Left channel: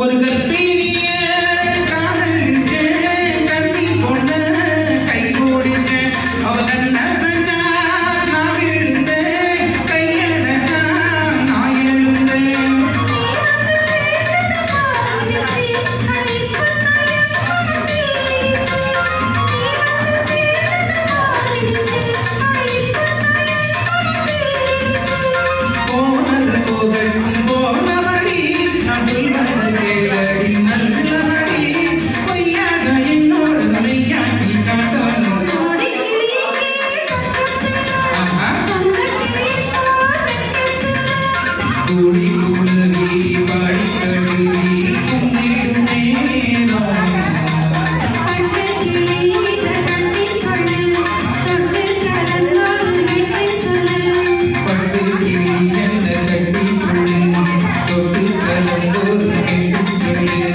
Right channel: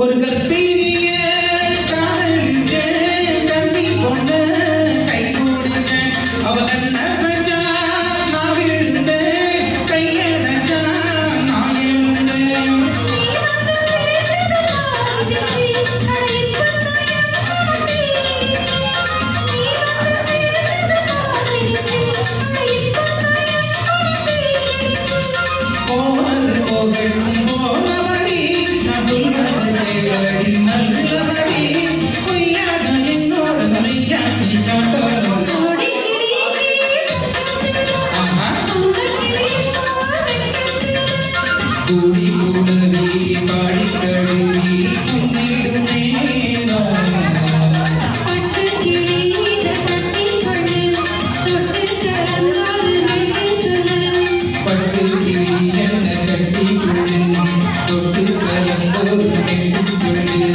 ஒரு கற்பிணிய காதலிச்ச கண்ணி பொண்ண கை கூடிச்ச அவ கண்ண செஞ்சா நான் விழுந்தேன் கையடைச்சா நான் எழுந்தேன் போனது போகட்டும் போனபடி நான் சொல்வது கேளடி நல்லபடி பொய்யாக என்னோட மெய்யாக்கி காட்டணும் கூடி கூடவி பாடி கழுவி கும்பிடும் நேரம் பட்டு கிளி என்ன கட்டி கொள்ளு தொட்டு கலந்தோர் கேட்டு சொல்லு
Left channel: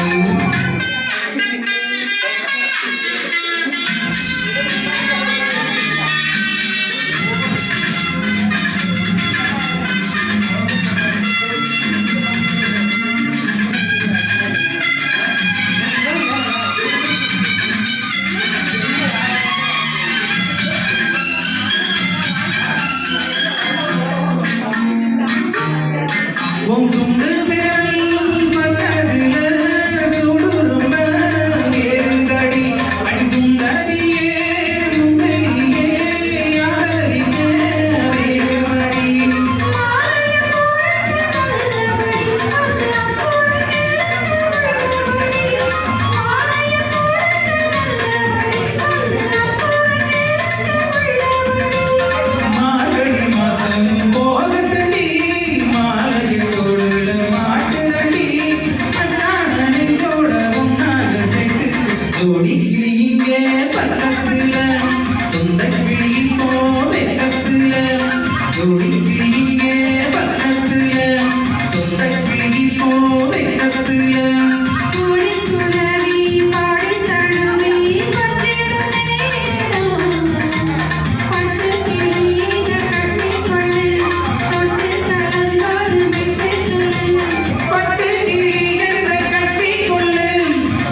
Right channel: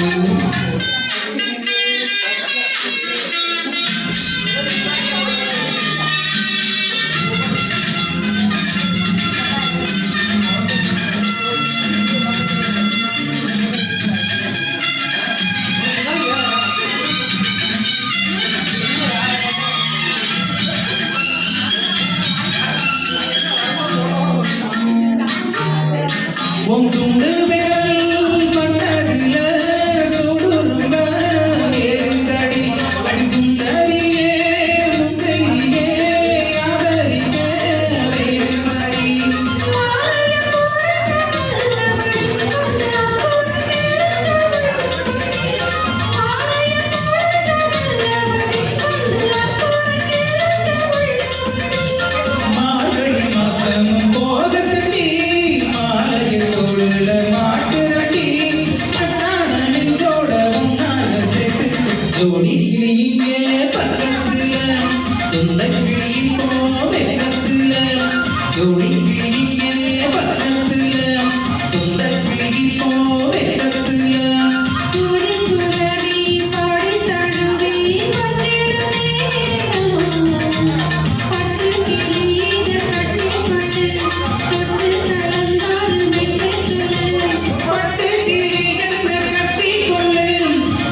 உன் சுண்டு விரல் பண்ணதுல சுடு ரொம்ப ஏறுதடி அடி சுந்தரியே முந்தையே யாதரிக்க வேறுதடி மார்கழி மாசம் போகட்டடி மாலையில் தோடுல மாட்டுரடி அத்தான நெஞ்சோட உன்னாக சேர்த்து ஜோடி கிளி இங்கே பக்கத்துல சொந்த கிளி இப்போ வெக்கத்துல ஜோடி கிளி இங்கே பக்கத்துல சொந்த கிளி இப்போ வெக்கத்துல பட்டு கிளி என்னை கட்டி கொள்ளு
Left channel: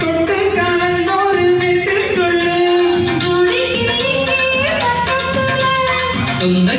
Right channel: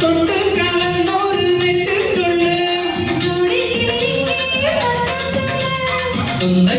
தொட்டு கலந்தோரு மெட்டு சொல்லு சொந்த